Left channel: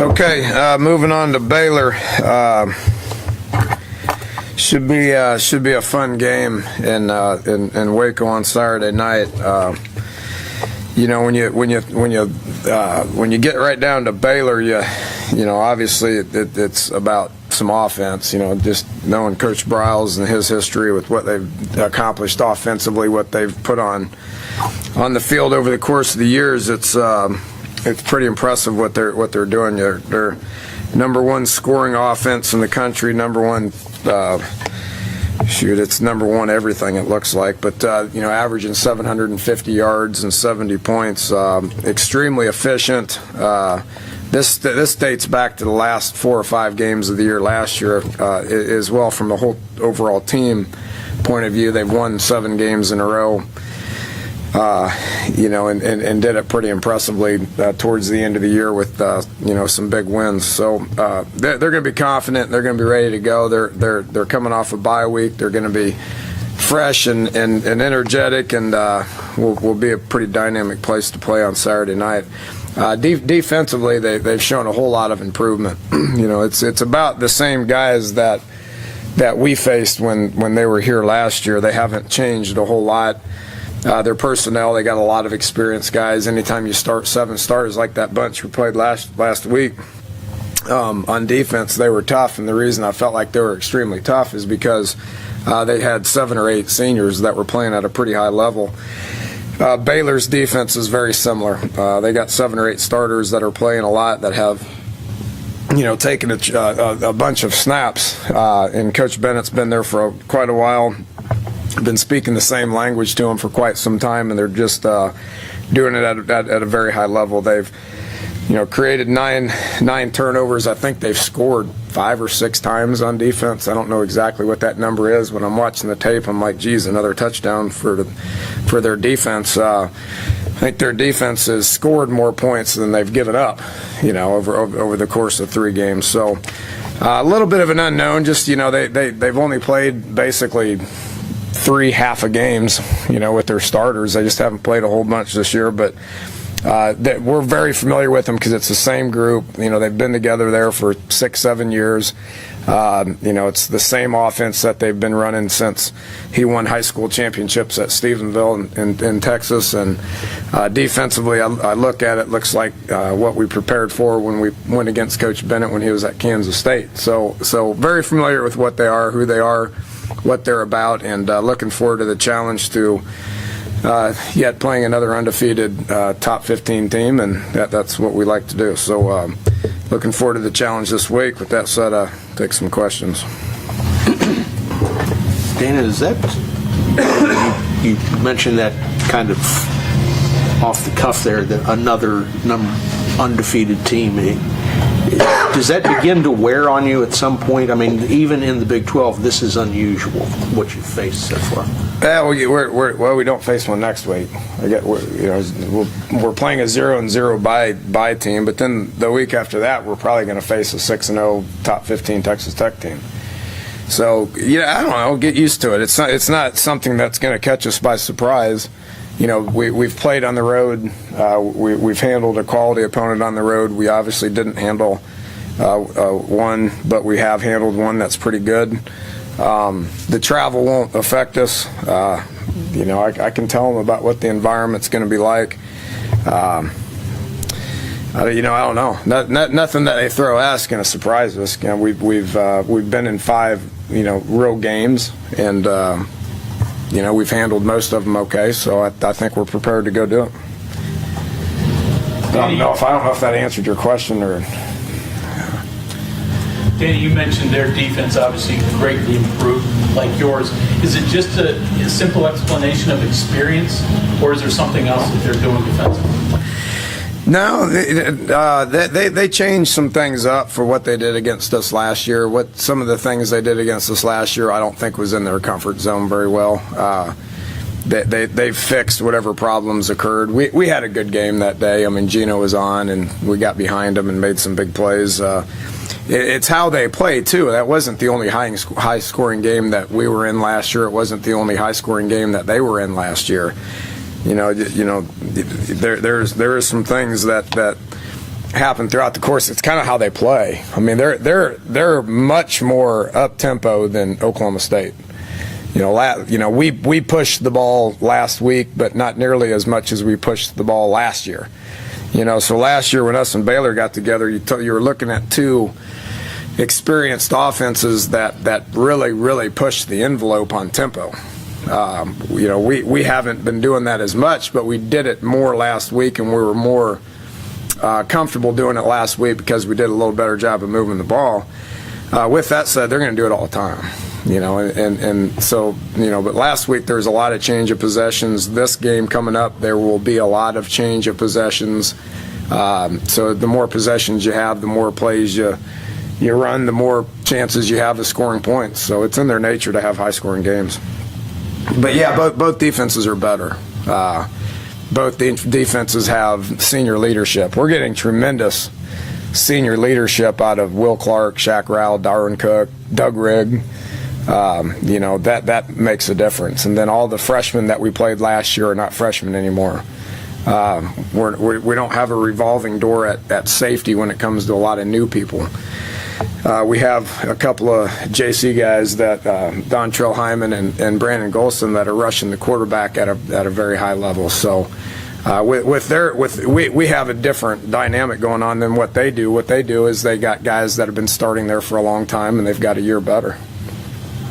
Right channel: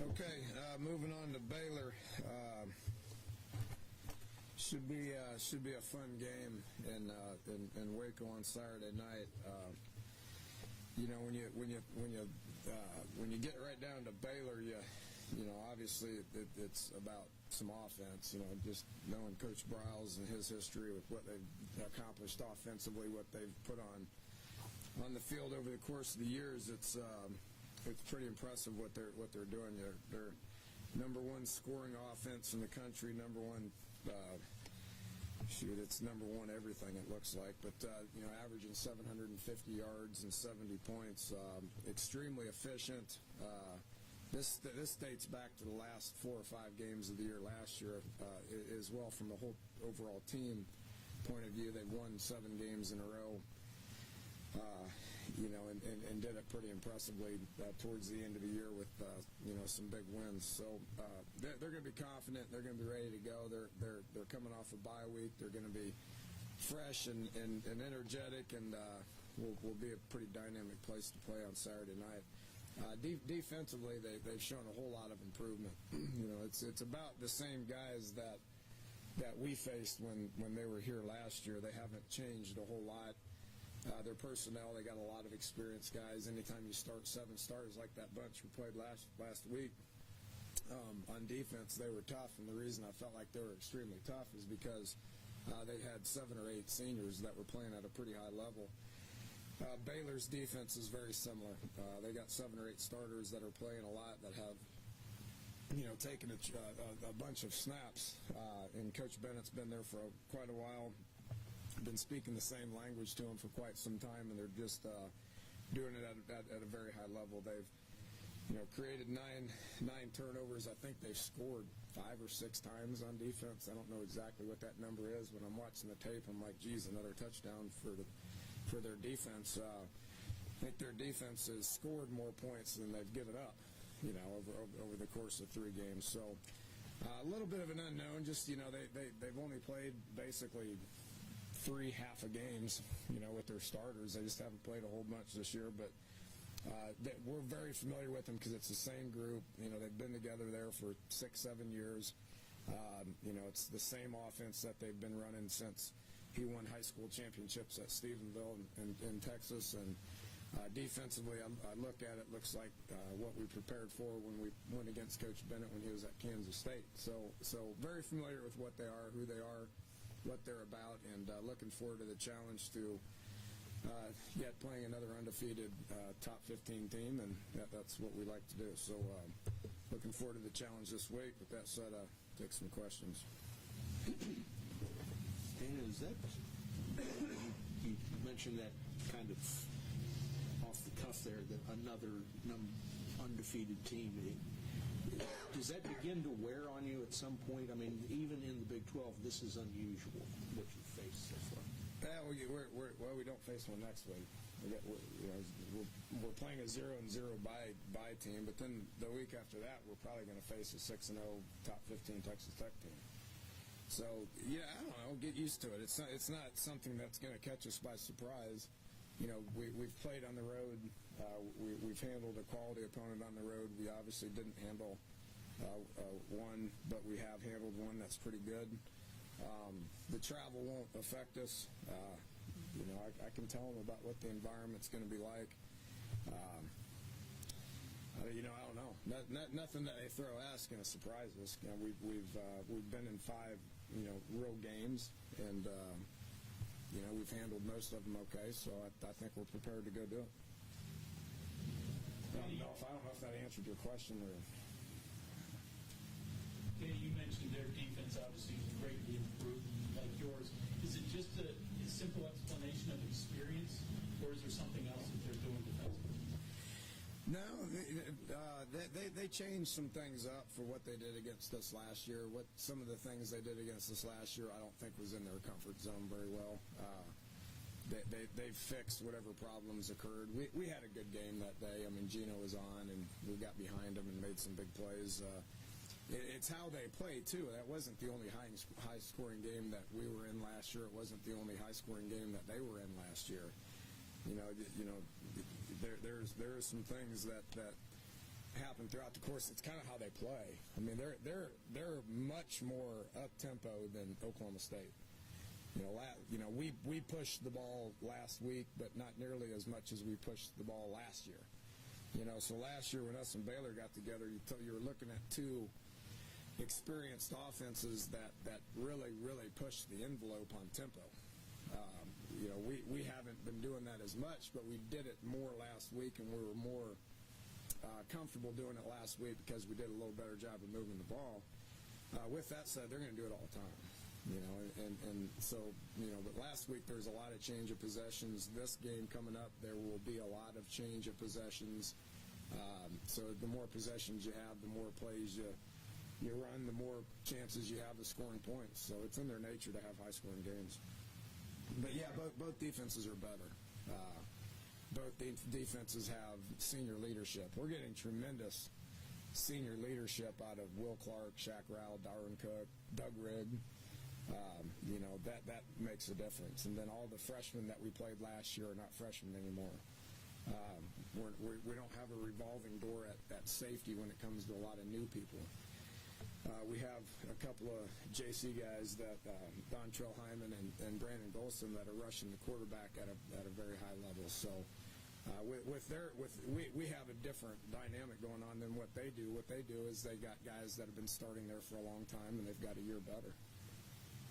Okay, moving on to Baylor. Should be a fun game in Waco on Saturday night. When you get right down to Baylor, you know obviously it's about some offense. Just knowing Coach Briles and his history with what they've accomplished offensively, what they've put on the field over the course of the years. It's pretty impressive what they're doing. They're number one scoring offense in the country, number one. It's number one everything it looks like, but averaging 750 yards and 70 points, extremely efficient. This dates back to the last 4 or 5 games of the year last year as well. From the whole overall team point of view, they've won 7 games in a row. And did it pretty impressively towards the end of the year with some big wins. So they're going to be confident. They're going to be ready to go. They're coming off a bye week. They're going to be fresh and energetic, and will be a pretty dynamic place to play on Saturday night. Defensively, they've shown a whole lot of improvement. It's about the same guys that we faced when they were here last year. They haven't changed a whole lot. Their personnel, they got a lot of experienced guys. Anytime you start 7 starters like that bunch who played last week on defense, they were tough. And the reason I felt like they were extremely tough is because they had 7 or 8 seniors that were playing at a pretty high level. Baylor's defense is very similar. They got 7 or 8 starters that are playing a lot, that have taken a bunch of snaps. And Coach Bennett's been there for quite a while. Been speaking the same language to them for quite some time, and they're just doing it at a very high level. They've created nine turnovers. I think they've scored 5 or 6 times on defense. I don't know exactly what that number is. When I'm watching the tape, I'm like, geez, another touchdown for their defense. I think their defense has scored more points than they've given up, over the course of 3 games. So a little bit of an unknown. Just they've only played basically 3 half games, with their starters. They just haven't played a whole bunch this year, but we're very familiar with them because it's the same group. They've been together there for 6-7 years. It's the same offense that they've been running since he won high school championships at Stephenville in Texas. And defensively, I look at it, looks like what we prepared for when we went against Coach Bennett when he was at Kansas State. So very familiar with what they are, who they are, what they're about, and looking forward to the challenge to yet playing another undefeated top 15 team, and that's what we like to do. So looking forward to the challenge this week. With that said, take some questions. Dana, is that you mentioned that kind of off the cuff there, that another undefeated team? Does that begin to wear on you at some point? I mean, even in the Big 12, this is unusual, what you've faced so far. Yeah, we don't face one next week. We're playing a 0-0 bye team, but then the week after that, we're probably going to face a 6-0 top 15 Texas Tech team. So, I don't know. Get used to it. It's not something that's going to catch us by surprise. We've played on the road. We've handled a quality opponent on the road. We obviously didn't handle one, but we have handled one that's pretty good. The travel won't affect us. I can tell them about what the environment's going to be like. I don't know. Nothing that they throw at us is going to surprise us. We've been in 5 real games, and we've handled most of them okay. So I think we're prepared to go do it. I don't know if that answered your question or. Danny, you mentioned their defense obviously greatly improved, like yours. Is it just a simple explanation of experience, or is there something else that they're doing defensively? No, they changed some things up for what they did against us last year. Some of the things they did against us last year, I don't think was in their comfort zone very well. They fixed whatever problems occurred. We had a good game that day. I mean, Gino was on, and we got behind them and made some big plays. It's how they play, too. That wasn't the only high-scoring game that we were in last year. It wasn't the only high-scoring game that they were in last year. There is some things that happen throughout the course. It's kind of how they play. I mean, they're much more up tempo than Oklahoma State. We pushed the ball last week, but not nearly as much as we pushed the ball last year. So last year when us and Baylor got together, you were looking at two experienced offenses that really pushed the envelope on tempo. We haven't been doing that as much, but we did it more last week, and we were more comfortable doing it last week because we did a little better job of moving the ball. With that said, they're going to do it all the time. But last week there was a lot of change of possessions. This game coming up, there will be a lot of change of possessions. So the more possessions you have, the more plays you run, the more chances you have of scoring points. So it's in their nature to have high-scoring games. But yeah, both defenses are better. Both defenses have senior leadership. We're getting tremendous senior leadership out of Will Clark, Shaq Rowell, Darwin Cook, Doug Rigg. That makes a difference. And then all the freshmen that we played last year are not freshmen anymore. We don't have a revolving door at safety when it comes to a lot of new people. We have a couple of JC guys that Dontrell Hyman and Brandon Golson that are rushing the quarterback at a very high level. So we have a different dynamic going on than what they do. What they do is they got guys that have been starting there for a long time, and they've got a year better.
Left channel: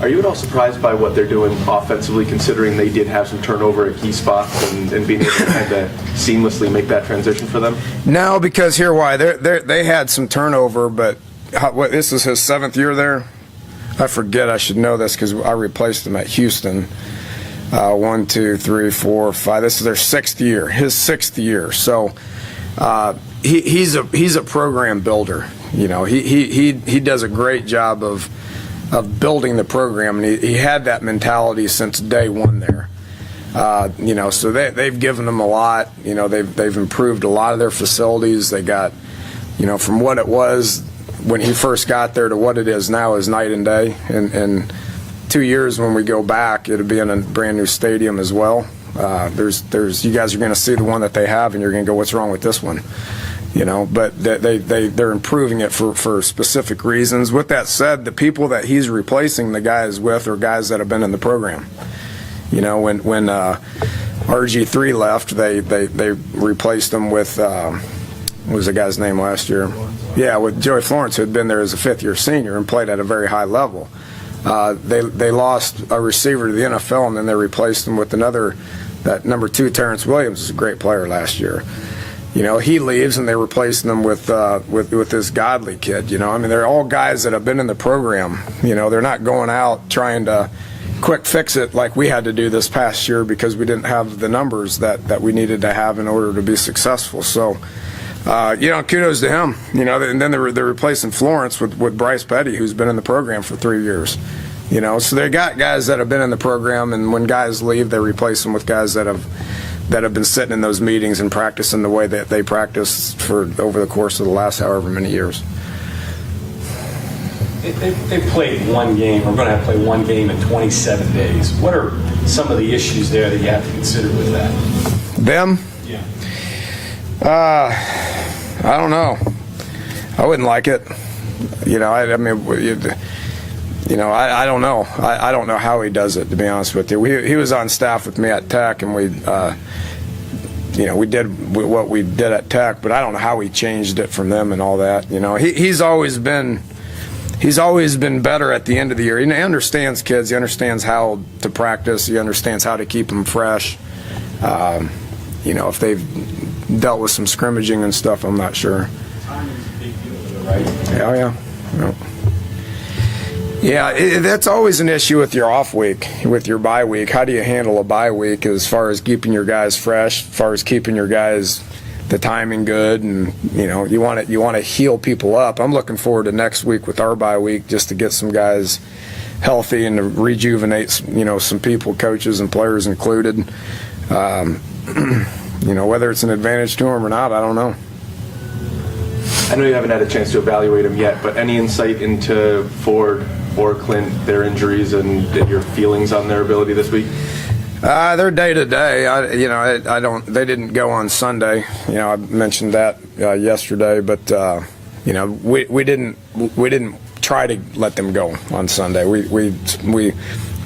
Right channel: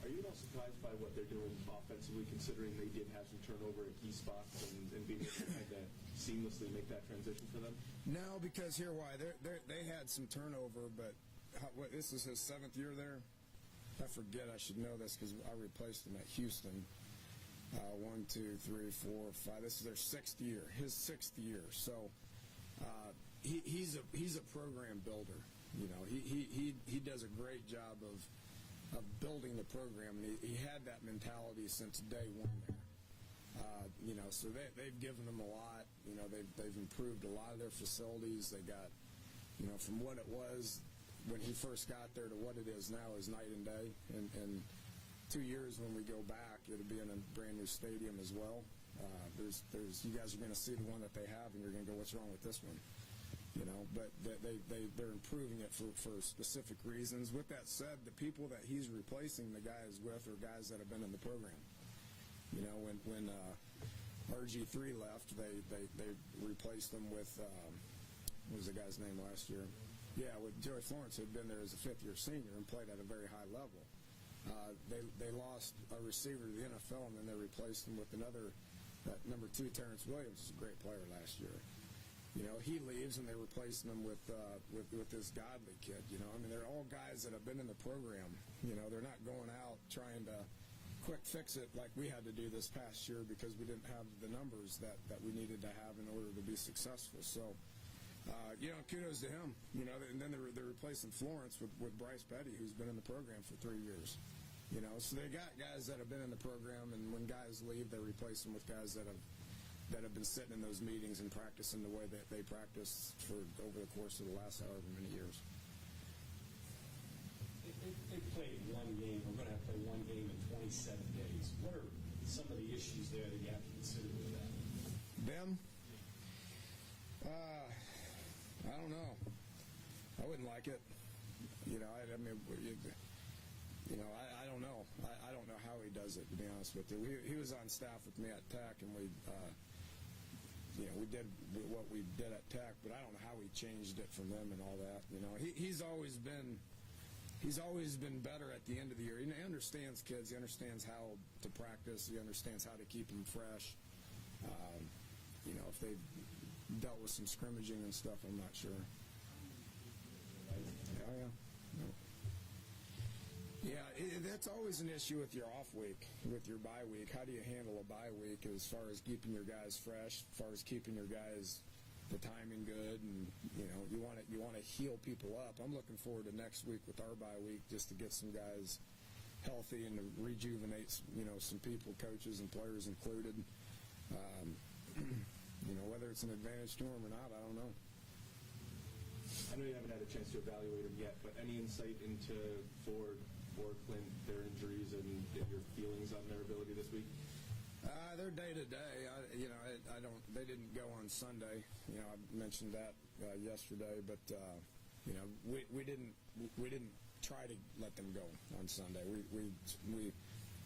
Are you at all surprised by what they're doing offensively, considering they did have some turnover at key spots and being able to kind of seamlessly make that transition for them? No, because here why they had some turnover, but this is his 7th year there. I forget. I should know this because I replaced him at Houston. 1, 2, 3, 4, 5. This is their 6th year. His 6th year. So he's a program builder. He does a great job of building the program, and he had that mentality since day one there. So they've given them a lot. They've improved a lot of their facilities. They got, from what it was when he first got there to what it is now is night and day. And 2 years when we go back, it'll be in a brand new stadium as well. You guys are going to see the one that they have, and you're going to go, what's wrong with this one? But they're improving it for specific reasons. With that said, the people that he's replacing the guys with are guys that have been in the program. When RG3 left, they replaced him with what was the guy's name last year? Yeah, with Joey Florence, who had been there as a 5th-year senior and played at a very high level. They lost a receiver to the NFL, and then they replaced him with that number 2, Terrence Williams, is a great player last year. He leaves, and they replace them with this Godly kid. They're all guys that have been in the program. They're not going out trying to quick fix it like we had to do this past year because we didn't have the numbers that we needed to have in order to be successful. So, kudos to him. And then they're replacing Florence with Bryce Petty, who's been in the program for 3 years. So they got guys that have been in the program, and when guys leave, they replace them with guys that have been sitting in those meetings and practicing the way that they practiced for over the course of the last however many years. They've played one game, or going to have to play one game in 27 days. What are some of the issues there that you have to consider with that? Them? Yeah. I don't know. I wouldn't like it. I don't know. I don't know how he does it, to be honest with you. He was on staff with me at Tech, and we did what we did at Tech, but I don't know how he changed it from them and all that. He's always been better at the end of the year. He understands kids. He understands how to practice. He understands how to keep them fresh. If they've dealt with some scrimmaging and stuff, I'm not sure. Right? Yeah. Yeah, that's always an issue with your off week, with your bye week. How do you handle a bye week as far as keeping your guys fresh, as far as keeping your guys the timing good, and you want to heal people up. I'm looking forward to next week with our bye week just to get some guys healthy and to rejuvenate some people, coaches and players included. Whether it's an advantage to them or not, I don't know. I know you haven't had a chance to evaluate them yet, but any insight into Ford or Clint, their injuries, and your feelings on their ability this week? They're day to day. I don't. They didn't go on Sunday. I mentioned that yesterday, but we didn't try to let them go on Sunday. We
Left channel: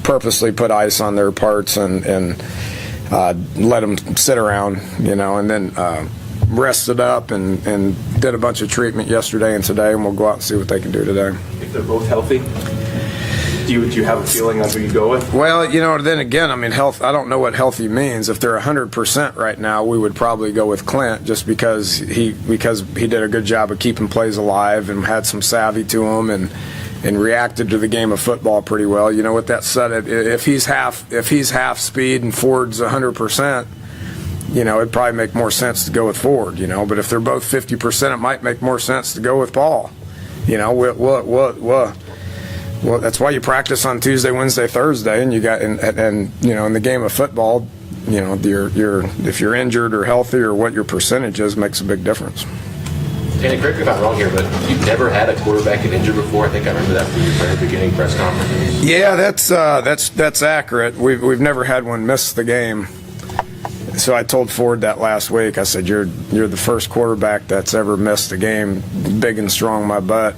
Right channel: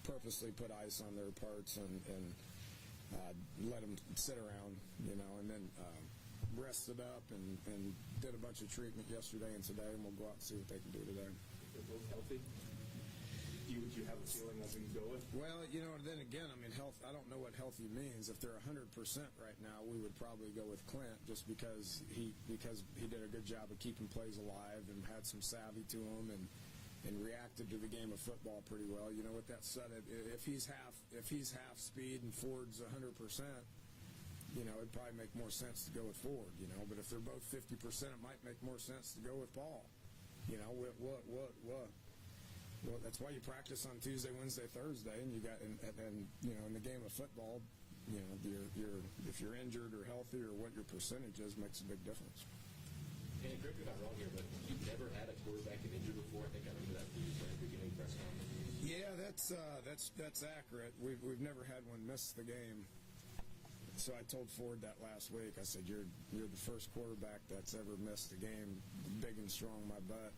purposely put ice on their parts and let them sit around, and then rested up and did a bunch of treatment yesterday and today, and we'll go out and see what they can do today. If they're both healthy, do you have a feeling on who you go with? Well, then again, health. I don't know what healthy means. If they're 100% right now, we would probably go with Clint, just because he did a good job of keeping plays alive and had some savvy to him and reacted to the game of football pretty well. With that said, if he's half speed and Ford's 100%, it'd probably make more sense to go with Ford. But if they're both 50%, it might make more sense to go with Paul. Well, that's why you practice on Tuesday, Wednesday, Thursday, and you got in the game of football, if you're injured or healthy or what your percentage is makes a big difference. Danny, correct me if I'm wrong here, but you've never had a quarterback get injured before. I think I remember that from your very beginning press conference. Yeah, that's accurate. We've never had one miss the game. So I told Ford that last week. I said, "You're the first quarterback that's ever missed a game, big and strong, my butt."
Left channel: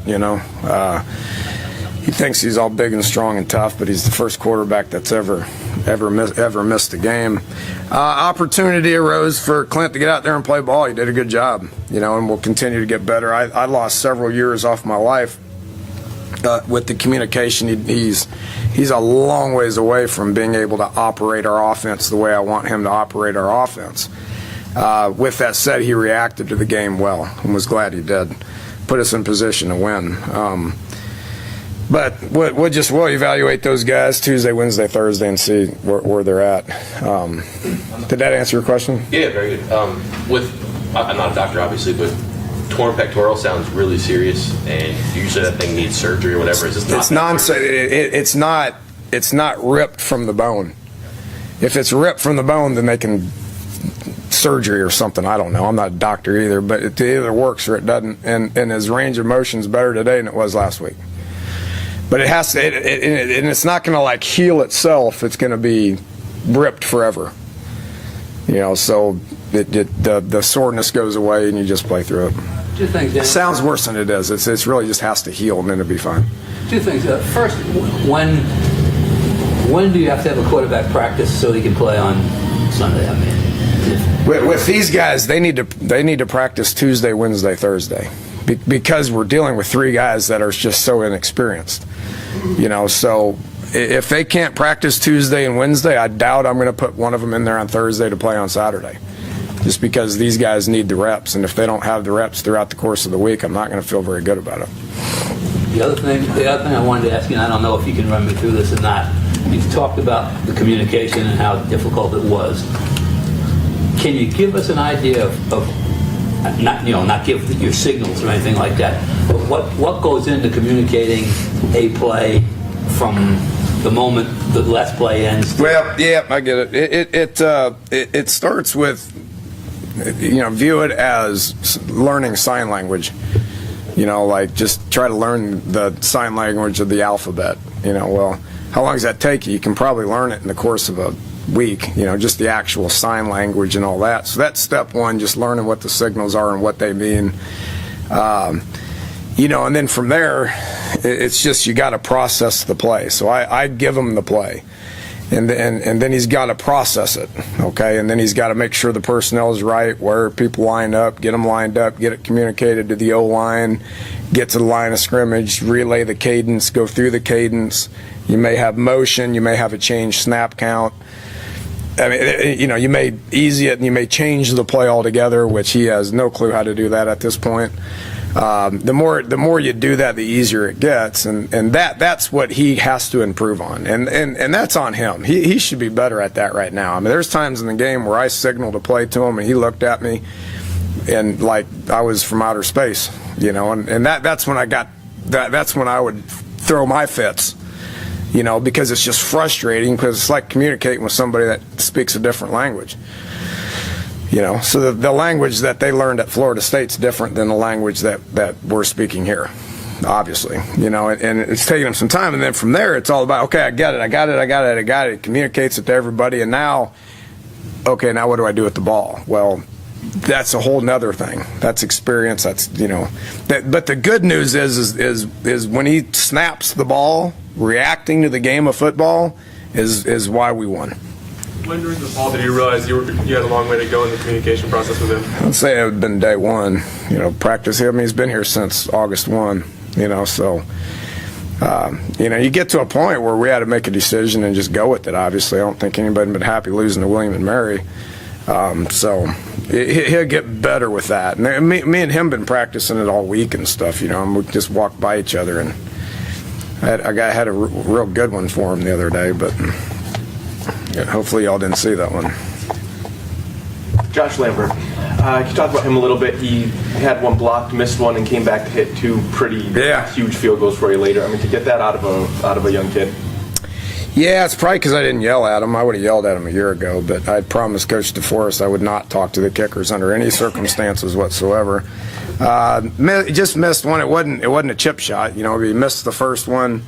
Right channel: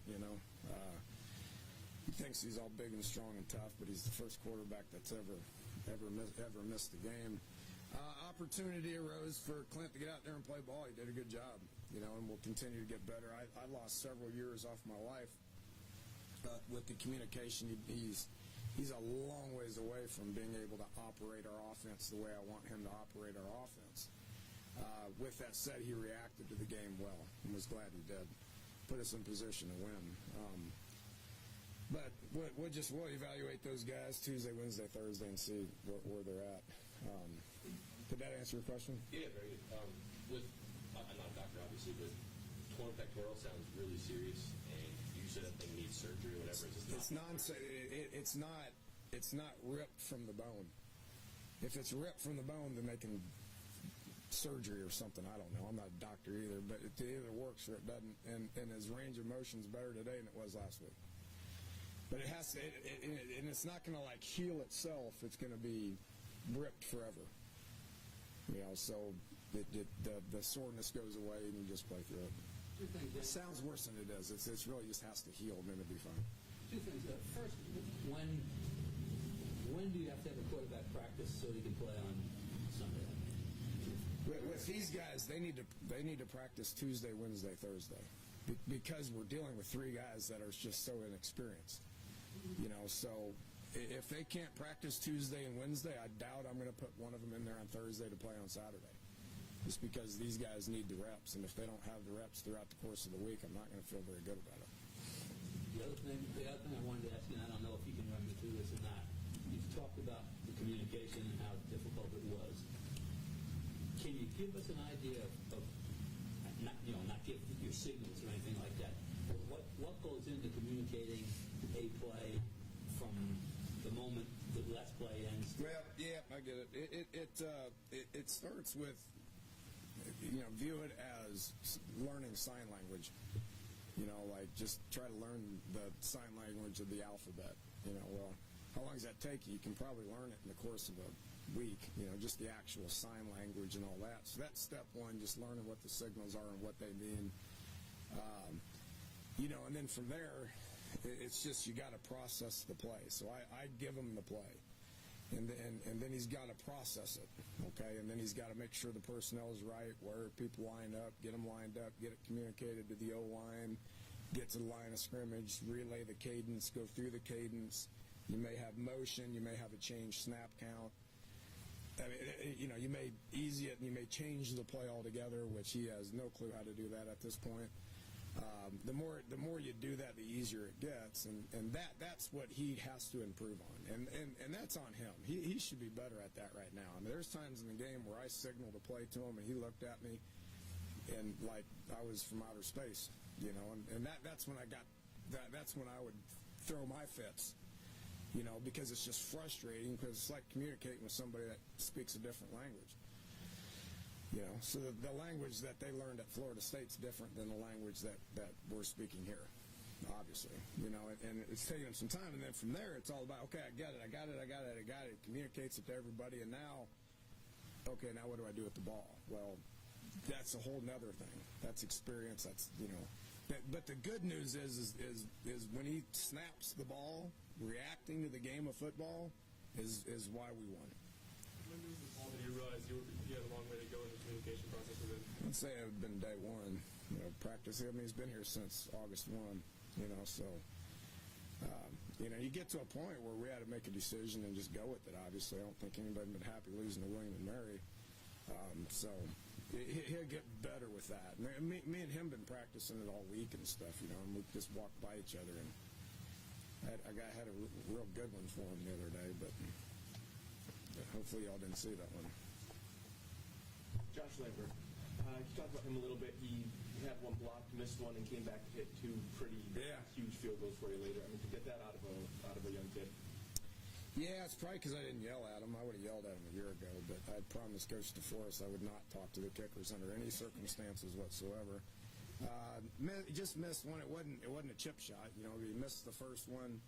He thinks he's all big and strong and tough, but he's the first quarterback that's ever missed a game. Opportunity arose for Clint to get out there and play ball. He did a good job, and will continue to get better. I lost several years off my life with the communication. He's a long ways away from being able to operate our offense the way I want him to operate our offense. With that said, he reacted to the game well and was glad he did. Put us in position to win. But we'll evaluate those guys Tuesday, Wednesday, Thursday, and see where they're at. Did that answer your question? Yeah, very good. I'm not a doctor, obviously, but torn pectoral sounds really serious, and usually that thing needs surgery or whatever. It's not ripped from the bone. If it's ripped from the bone, then they can surgery or something. I don't know. I'm not a doctor either, but it either works or it doesn't. And his range of motion is better today than it was last week. But it has to, and it's not going to heal itself. It's going to be ripped forever. So the soreness goes away and you just play through it. Two things, Dan. It sounds worse than it is. It's really just has to heal and then it'll be fine. Two things. First, when do you have to have a quarterback practice so he can play on Sunday? With these guys, they need to practice Tuesday, Wednesday, Thursday, because we're dealing with three guys that are just so inexperienced. So if they can't practice Tuesday and Wednesday, I doubt I'm going to put one of them in there on Thursday to play on Saturday, just because these guys need the reps, and if they don't have the reps throughout the course of the week, I'm not going to feel very good about it. The other thing I wanted to ask you, and I don't know if you can run me through this or not, you've talked about the communication and how difficult it was. Can you give us an idea of not give your signals or anything like that, but what goes into communicating a play from the moment the last play ends? Well, yeah, I get it. It starts with, view it as learning sign language. Just try to learn the sign language of the alphabet. Well, how long does that take you? You can probably learn it in the course of a week, just the actual sign language and all that. So that's step one, just learning what the signals are and what they mean. And then from there, it's just you got to process the play. So I give him the play, and then he's got to process it, okay? And then he's got to make sure the personnel is right, where people line up, get them lined up, get it communicated to the O-line, get to the line of scrimmage, relay the cadence, go through the cadence. You may have motion, you may have a change snap count. You may ease it and you may change the play altogether, which he has no clue how to do that at this point. The more you do that, the easier it gets, and that's what he has to improve on, and that's on him. He should be better at that right now. There's times in the game where I signaled a play to him and he looked at me and like I was from outer space, and that's when that's when I would throw my fits. Because it's just frustrating, because it's like communicating with somebody that speaks a different language. So the language that they learned at Florida State's different than the language that we're speaking here. obviously, and it's taking him some time. And then from there, it's all about, okay, I got it. It communicates it to everybody. And now, okay, now what do I do with the ball? Well, that's a whole nother thing. That's experience. That's, but the good news is when he snaps the ball, reacting to the game of football is why we won. When during the fall did you realize you had a long way to go in the communication process with him? I'd say it had been day one, practice him. He's been here since August 1, so, you get to a point where we had to make a decision and just go with it, obviously. I don't think anybody would been happy losing to William and Mary. So he'll get better with that. And me and him been practicing it all week and stuff, and we just walked by each other. And I had a real good one for him the other day, but hopefully y'all didn't see that one. Josh Lambert, can you talk about him a little bit? He had one blocked, missed one, and came back to hit two pretty huge field goals for you later. I mean, to get that out of a young kid. Yeah, it's probably because I didn't yell at him. I would have yelled at him a year ago, but I promised Coach DeForest I would not talk to the kickers under any circumstances whatsoever. Just missed one. It wasn't a chip shot. He missed the first one.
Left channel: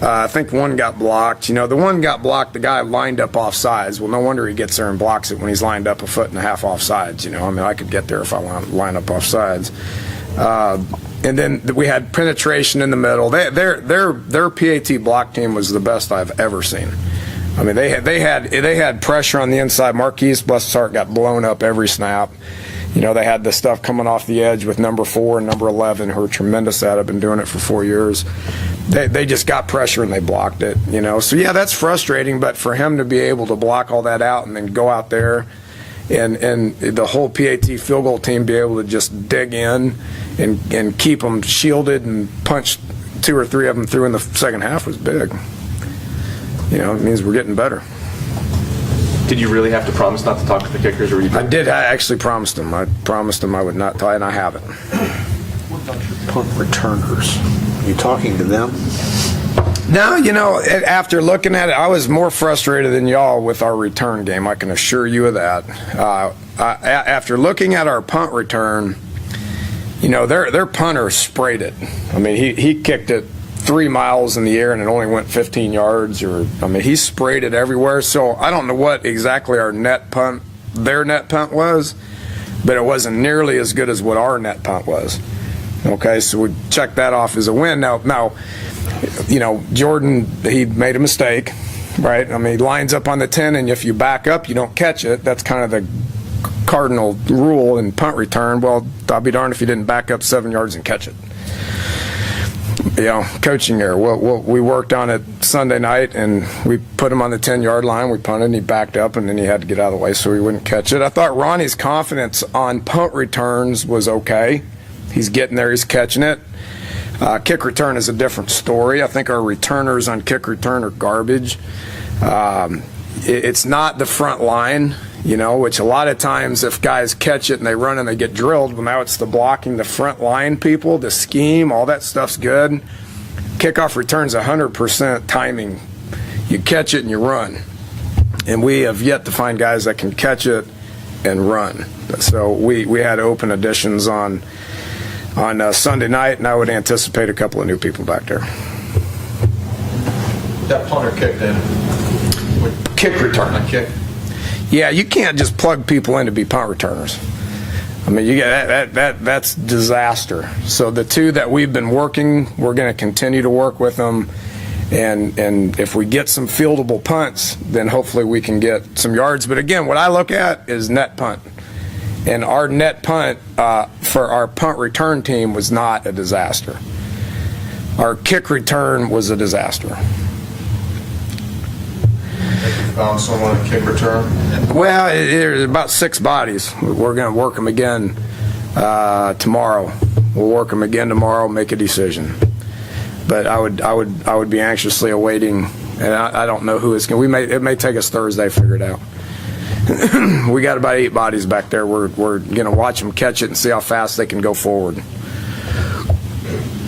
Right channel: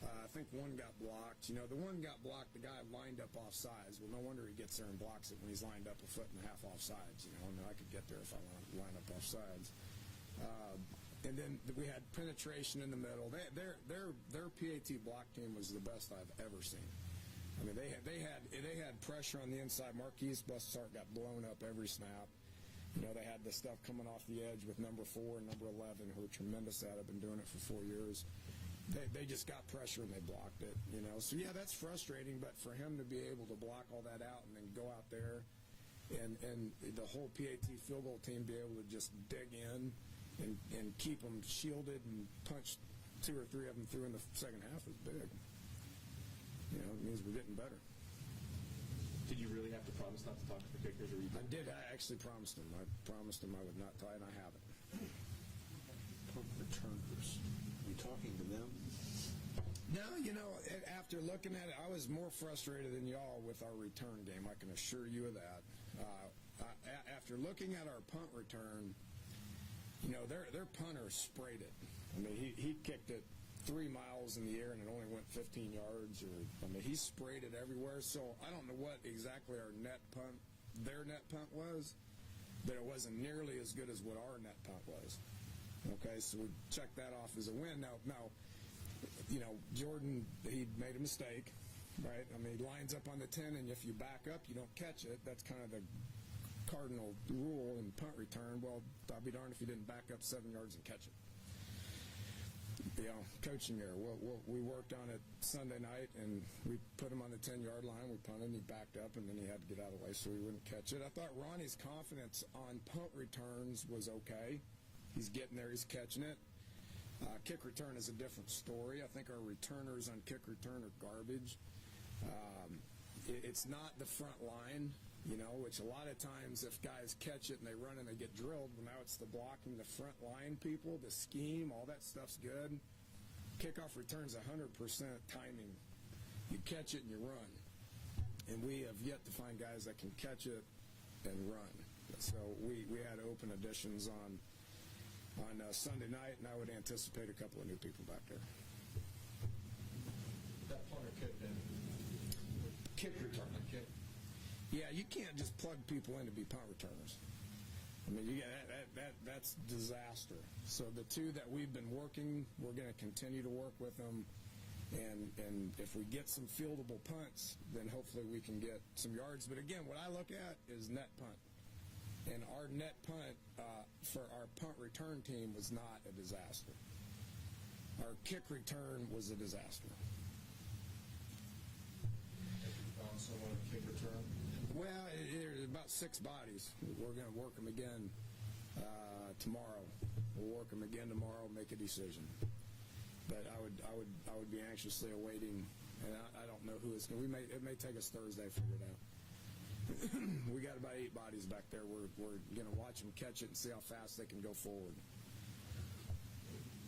I think one got blocked. The one got blocked, the guy lined up off sides. Well, no wonder he gets there and blocks it when he's lined up 1.5 feet off sides. I could get there if I line up off sides. And then we had penetration in the middle. Their PAT block team was the best I've ever seen. I mean, they had pressure on the inside. Marquise, bless his heart, got blown up every snap. They had the stuff coming off the edge with number 4 and number 11, who are tremendous at it. I've been doing it for 4 years. They just got pressure and they blocked it. So yeah, that's frustrating. But for him to be able to block all that out and then go out there, and the whole PAT field goal team be able to just dig in and keep them shielded and punch 2 or 3 of them through in the second half was big. It means we're getting better. Did you really have to promise not to talk to the kickers? Or I did. I actually promised them. I promised them I would not talk, and I haven't. What about your punt returners? Are you talking to them? No, after looking at it, I was more frustrated than y'all with our return game. I can assure you of that. After looking at our punt return, their punter sprayed it. I mean, he kicked it 3 miles in the air and it only went 15 yards. He sprayed it everywhere. So I don't know what exactly their net punt was, but it wasn't nearly as good as what our net punt was. Okay, so we checked that off as a win. Now, Jordan, he made a mistake, right? He lines up on the 10, and if you back up, you don't catch it. That's kind of the cardinal rule in punt return. Well, I'll be darned if you didn't back up 7 yards and catch it. Coaching error. Well, we worked on it Sunday night, and we put him on the 10-yard line. We punted, and he backed up, and then he had to get out of the way so he wouldn't catch it. I thought Ronnie's confidence on punt returns was okay. He's getting there. He's catching it. Kick return is a different story. I think our returners on kick return are garbage. It's not the front line, which a lot of times if guys catch it and they run and they get drilled, well, now it's the blocking the front line people, the scheme, all that stuff's good. Kickoff return's 100% timing. You catch it and you run. And we have yet to find guys that can catch it and run. So we had open additions on Sunday night, and I would anticipate a couple of new people back there. That punter kicked in. Kick return. A kick. Yeah, you can't just plug people in to be punt returners. You get that's disaster. So the 2 that we've been working, we're going to continue to work with them, and if we get some fieldable punts, then hopefully we can get some yards. But again, what I look at is net punt. And our net punt for our punt return team was not a disaster. Our kick return was a disaster. Have you found someone to kick return? Well, there's about 6 bodies. We're going to work them again tomorrow. We'll work them again tomorrow, make a decision. But I would be anxiously awaiting, and I don't know who it's going to. It may take us Thursday to figure it out. We got about 8 bodies back there. We're going to watch them catch it and see how fast they can go forward.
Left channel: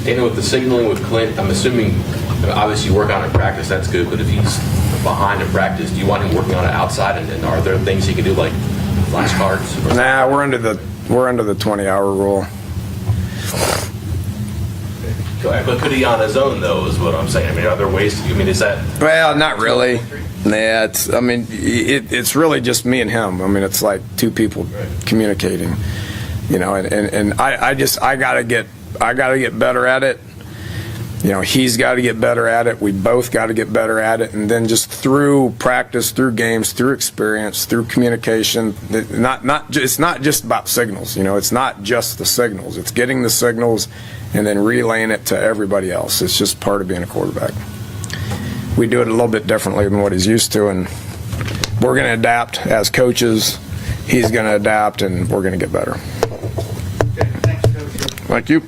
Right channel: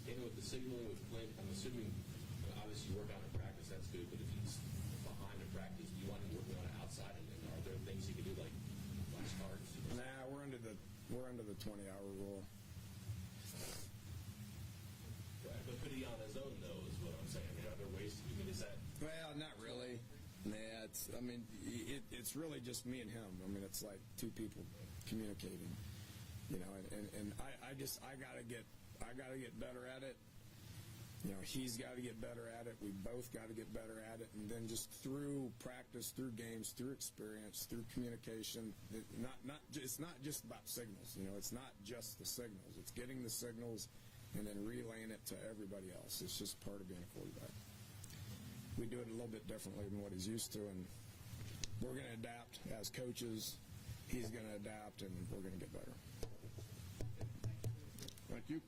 With the signaling with Clint, I'm assuming, obviously you work on it in practice, that's good, but if he's behind in practice, do you want him working on it outside, and are there things he can do like flashcards? Nah, we're under the 20-hour rule. But could he on his own, though, is what I'm saying? I mean, are there ways to, I mean, is that? Well, not really. Nah, it's really just me and him. I mean, it's like two people communicating, you know, and I gotta get better at it. You know, he's got to get better at it. We both got to get better at it. And then just through practice, through games, through experience, through communication, it's not just about signals. You know, it's not just the signals. It's getting the signals and then relaying it to everybody else. It's just part of being a quarterback. We do it a little bit differently than what he's used to, and we're going to adapt as coaches. He's going to adapt, and we're going to get better. Okay, thanks, Coach. Thank you.